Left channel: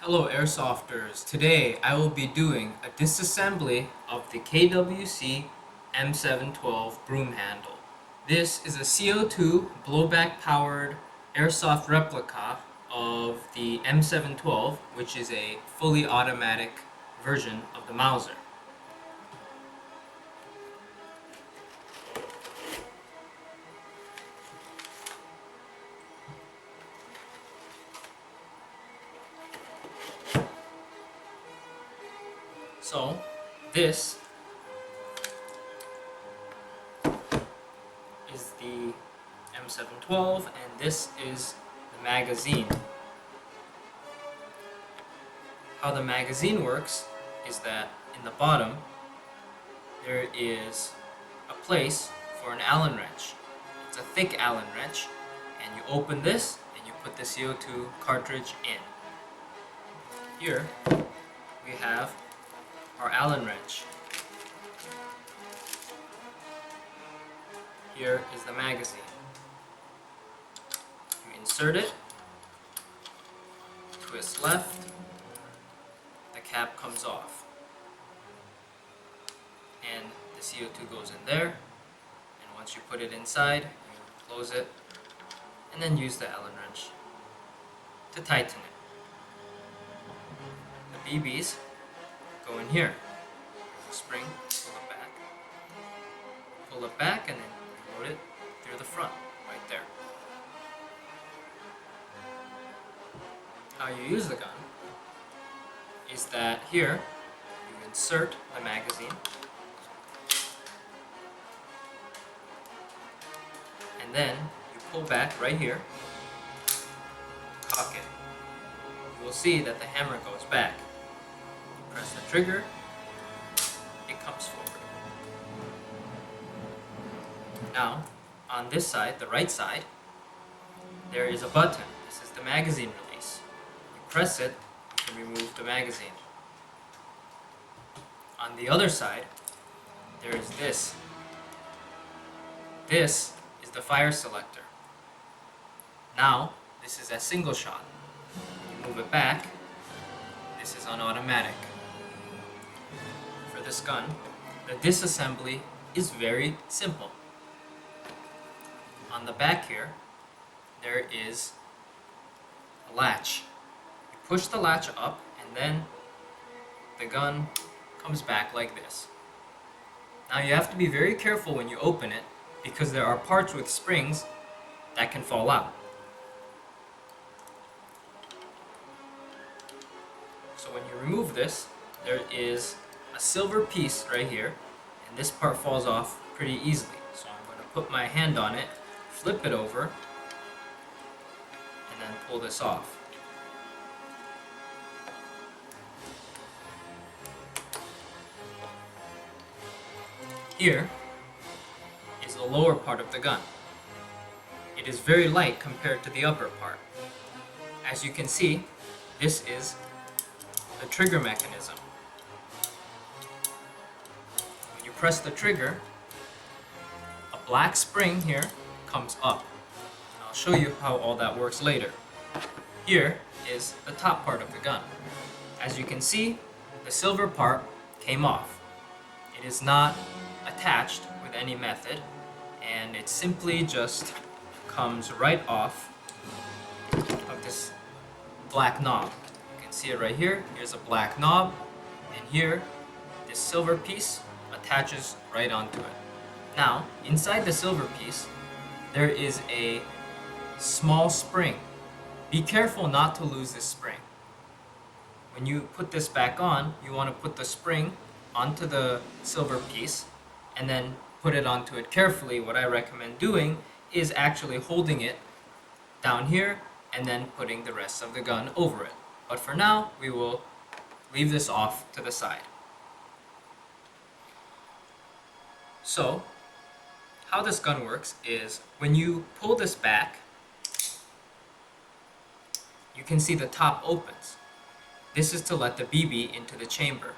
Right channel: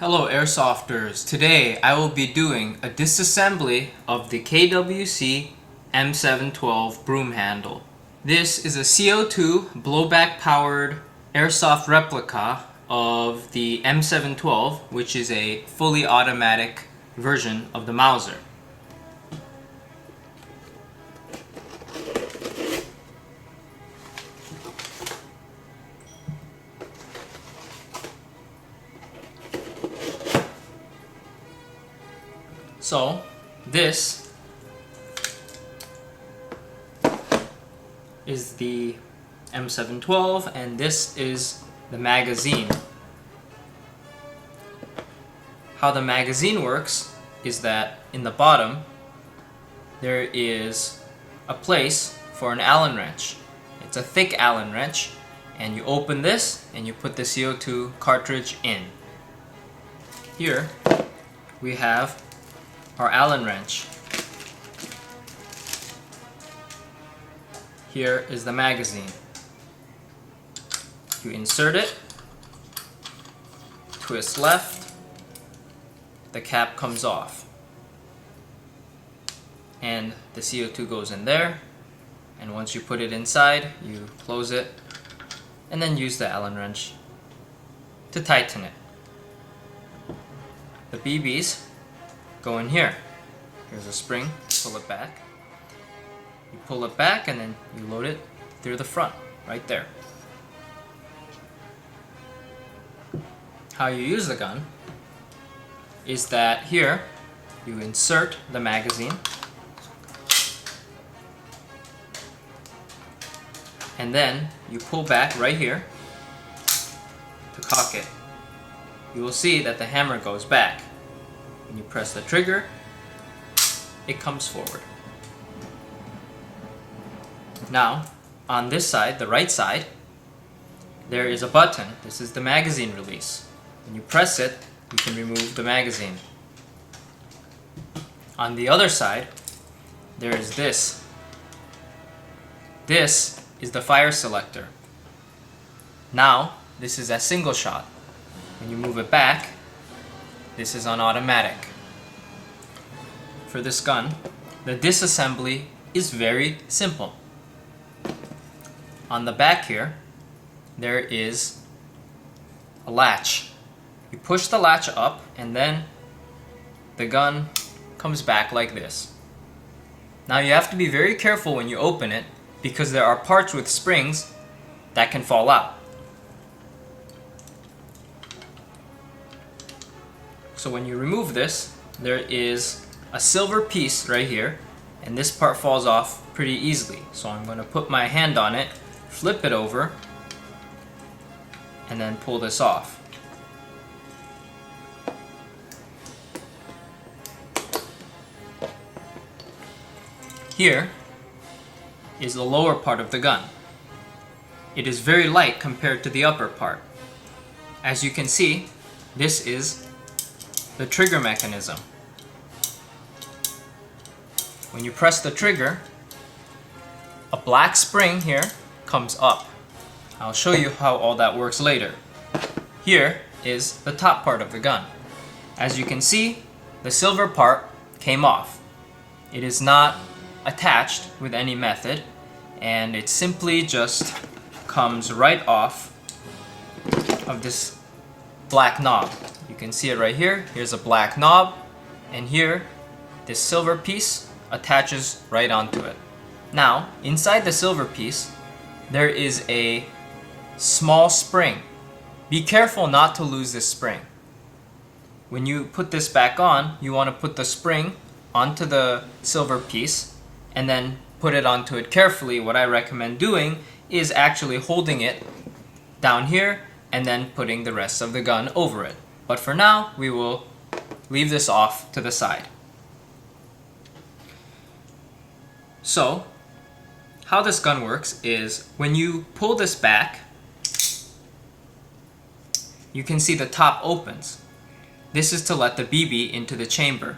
Hello Airsofters, today I will be doing a disassembly of the KWC M712 broom handle. This is a CO2 blowback powered airsoft replica of the M712, which is a fully automatic version of the Mauser. So, this is the M712 and this is the magazine. How the magazine works is that in the bottom there is a place for an Allen wrench. It's a thick Allen wrench, and you open this and you put the CO2 cartridge in. Here we have our Allen wrench. Here is the magazine. You insert it, twist left, the cap comes off, and the CO2 goes in there, and once you put it inside, you close it, and then use the Allen wrench to tighten it. The BBs go in here. Here's a spring, pull it back. You pull it back and then you load it through the front, right there. How you use the gun is that here you insert the magazine and then you pull back right here to cock it. You will see that the hammer goes back. When you press the trigger, it comes forward. Now, on this side, the right side, there is a button. This is the magazine release. When you press it, you can remove the magazine. On the other side, there is this. This is the fire selector. Now, this is a single shot. When you move it back, this is on automatic. For this gun, the disassembly is very simple. On the back here, there is a latch. You push the latch up and then the gun comes back like this. Now you have to be very careful when you open it because there are parts with springs that can fall out. So when you remove this, there is a silver piece right here, and this part falls off pretty easily. So I'm going to put my hand on it, flip it over, and then pull this off. Here is the lower part of the gun. It is very light compared to the upper part. As you can see, this is the trigger mechanism. When you press the trigger, a black spring here comes up. I'll show you how all that works later. Here is the top part of the gun. As you can see, the silver part came off. It is not attached with any method, and it simply just comes right off of this black knob. You can see it right here. Here's a black knob, and here this silver piece attaches right onto it. Now, inside the silver piece, there is a small spring. Be careful not to lose this spring. When you put this back on, you want to put the spring onto the silver piece and then put it onto it carefully. What I recommend doing is actually holding it down here and then putting the rest of the gun over it. But for now, we will leave this off to the side. So, how this gun works is when you pull this back, you can see the top opens. This is to let the BB into the chamber.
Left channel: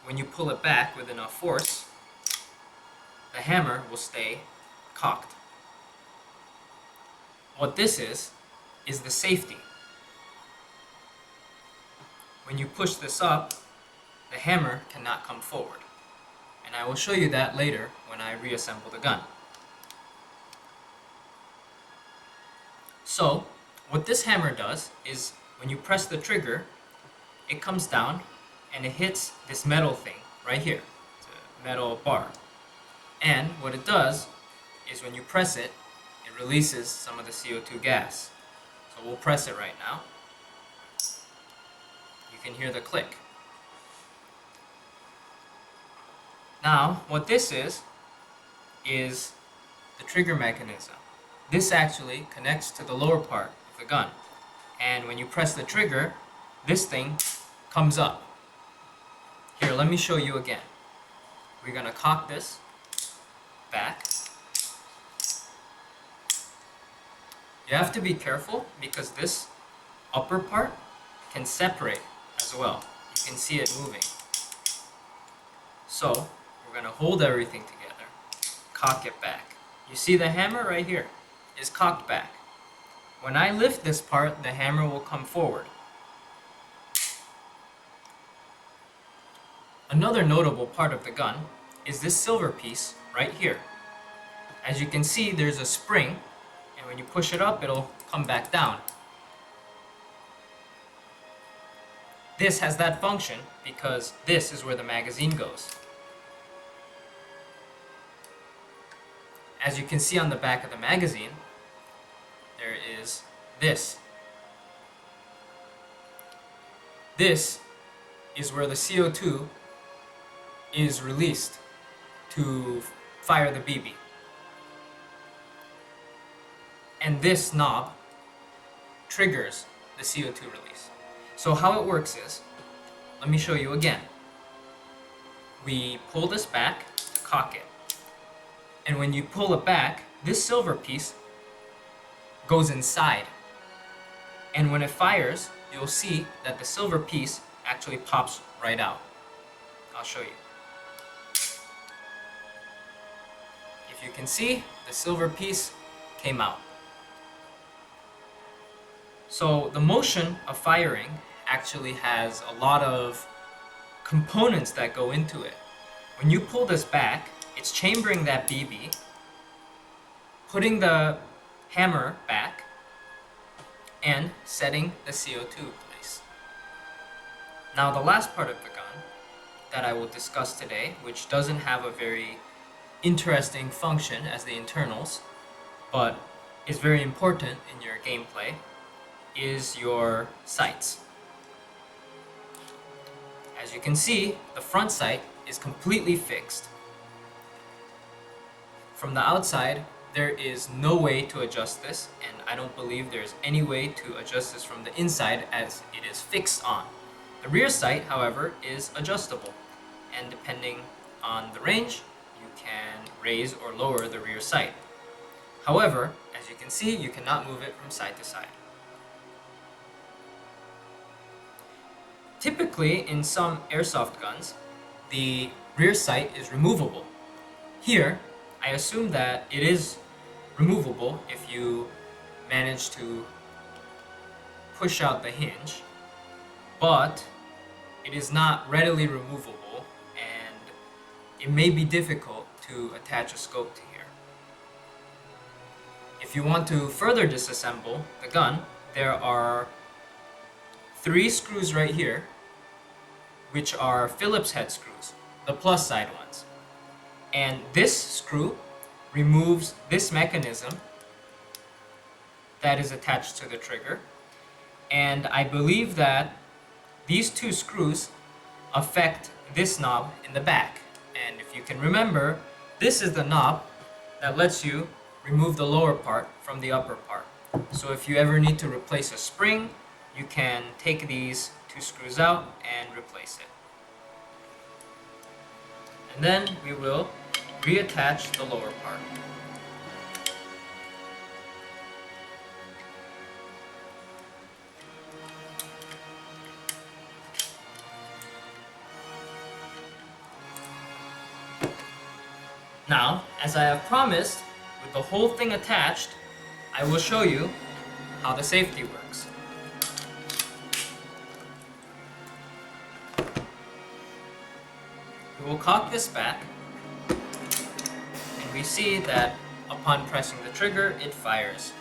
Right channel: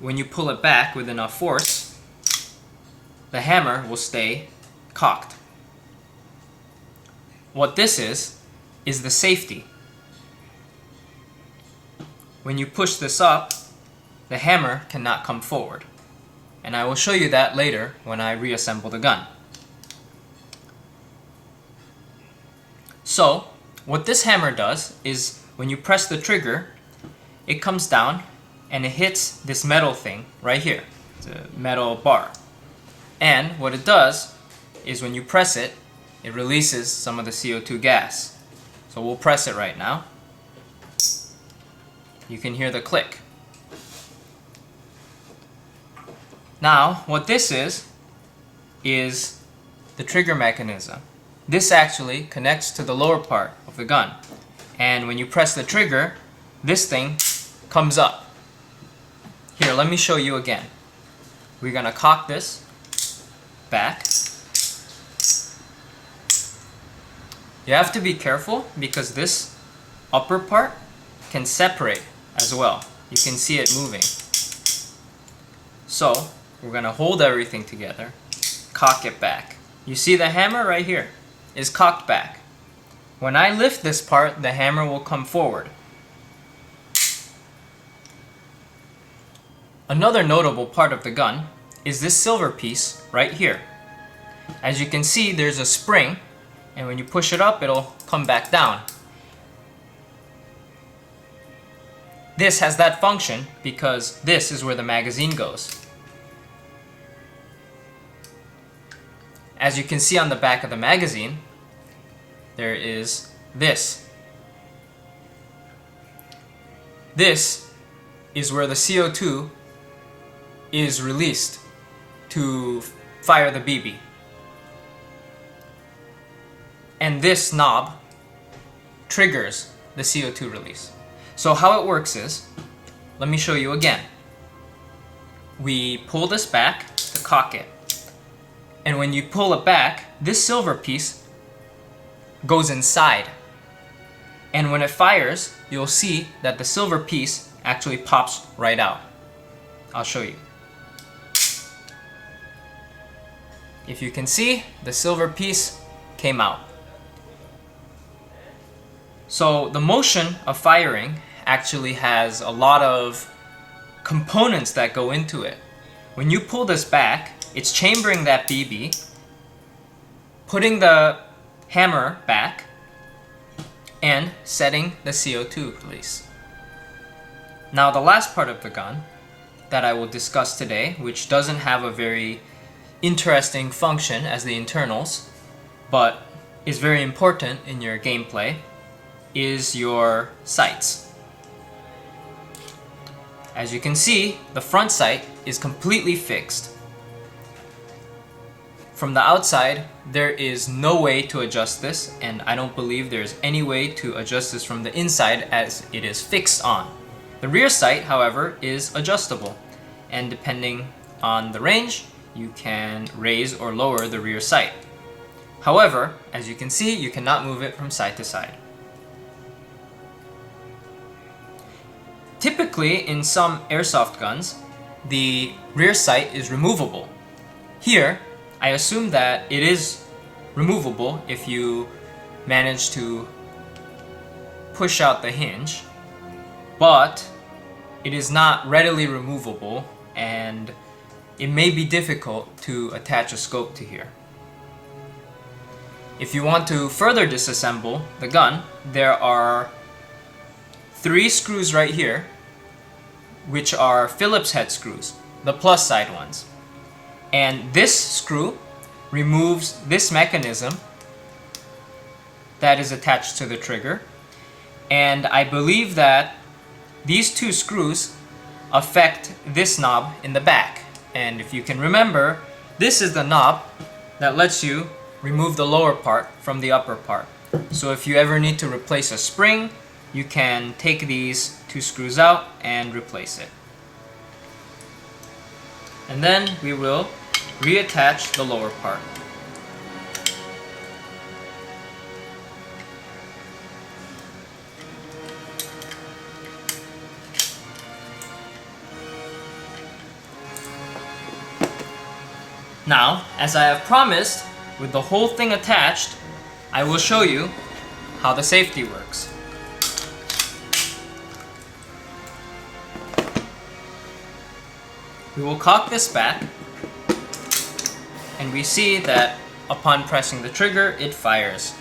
When you pull it back with enough force, the hammer will stay cocked. What this is is the safety. When you push this up, the hammer cannot come forward. And I will show you that later when I reassemble the gun. So, what this hammer does is when you press the trigger, it comes down and it hits this metal thing right here. It's a metal bar. And what it does is when you press it, it releases some of the CO2 gas. So we'll press it right now. You can hear the click. Now, what this is the trigger mechanism. This actually connects to the lower part of the gun. And when you press the trigger, this thing comes up. Here, let me show you again. We're gonna cock this back. You have to be careful because this upper part can separate as well. You can see it moving. So, we're gonna hold everything together, cock it back. You see the hammer right here is cocked back. When I lift this part, the hammer will come forward. Another notable part of the gun is this silver piece right here. As you can see, there's a spring, and when you push it up, it'll come back down. This has that function because this is where the magazine goes. As you can see on the back of the magazine, there is this. This is where the CO2 is released to fire the BB. And this knob triggers the CO2 release. So how it works is, let me show you again. We pull this back to cock it. And when you pull it back, this silver piece goes inside. And when it fires, you'll see that the silver piece actually pops right out. I'll show you. If you can see, the silver piece came out. So the motion of firing actually has a lot of components that go into it. When you pull this back, it's chambering that BB, putting the hammer back, and setting the CO2 release. Now the last part of the gun that I will discuss today, which doesn't have a very interesting function as the internals, but is very important in your gameplay, is your sights. As you can see, the front sight is completely fixed. From the outside, there is no way to adjust this, and I don't believe there's any way to adjust this from the inside as it is fixed on. The rear sight, however, is adjustable, and depending on the range, you can raise or lower the rear sight. However, as you can see, you cannot move it from side to side. Typically, in some airsoft guns, the rear sight is removable. Here, I assume that it is removable if you manage to push out the hinge, but it is not readily removable, and it may be difficult to attach a scope to here. If you want to further disassemble the gun, there are 3 screws right here, which are Phillips head screws, the plus side ones. And this screw removes this mechanism that is attached to the trigger. And I believe that these 2 screws affect this knob in the back. And if you can remember, this is the knob that lets you remove the lower part from the upper part. So if you ever need to replace a spring, you can take these 2 screws out and replace it. And then we will reattach the lower part. Now, as I have promised, with the whole thing attached, I will show you how the safety works. We will cock this back, and we see that upon pressing the trigger, it fires.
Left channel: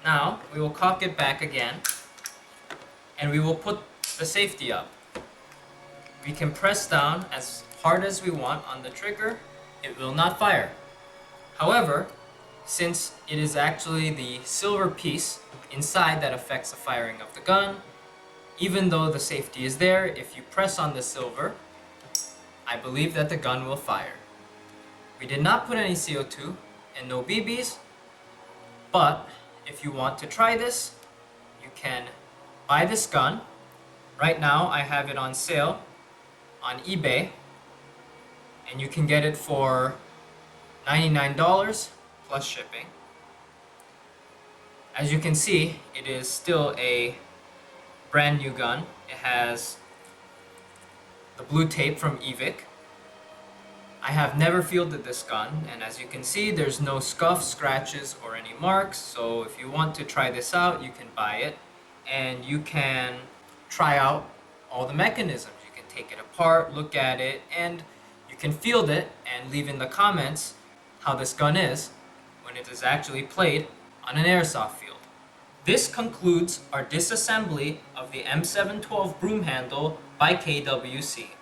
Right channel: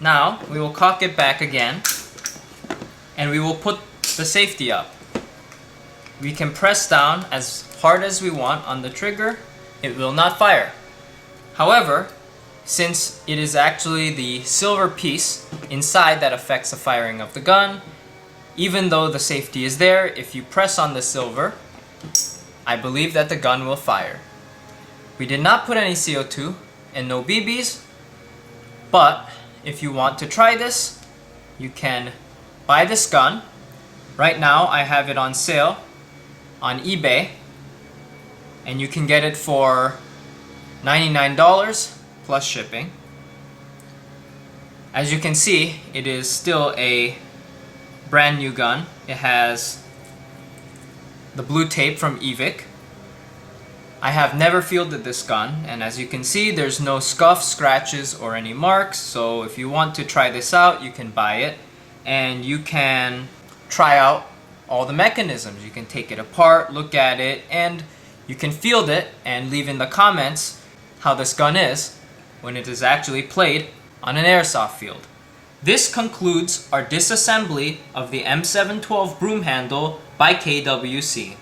Now, we will cock it back again, and we will put the safety up. We can press down as hard as we want on the trigger, it will not fire. However, since it is actually the silver piece inside that affects the firing of the gun, even though the safety is there, if you press on the silver, I believe that the gun will fire. We did not put any CO2 and no BBs, but if you want to try this, you can buy this gun. Right now I have it on sale on eBay, and you can get it for $99 plus shipping. As you can see, it is still a brand new gun. It has the blue tape from Evic. I have never fielded this gun, and as you can see, there's no scuffs, scratches, or any marks. So if you want to try this out, you can buy it, and you can try out all the mechanisms. You can take it apart, look at it, and you can field it and leave in the comments how this gun is when it is actually played on an airsoft field. This concludes our disassembly of the M712 broom handle by KWC.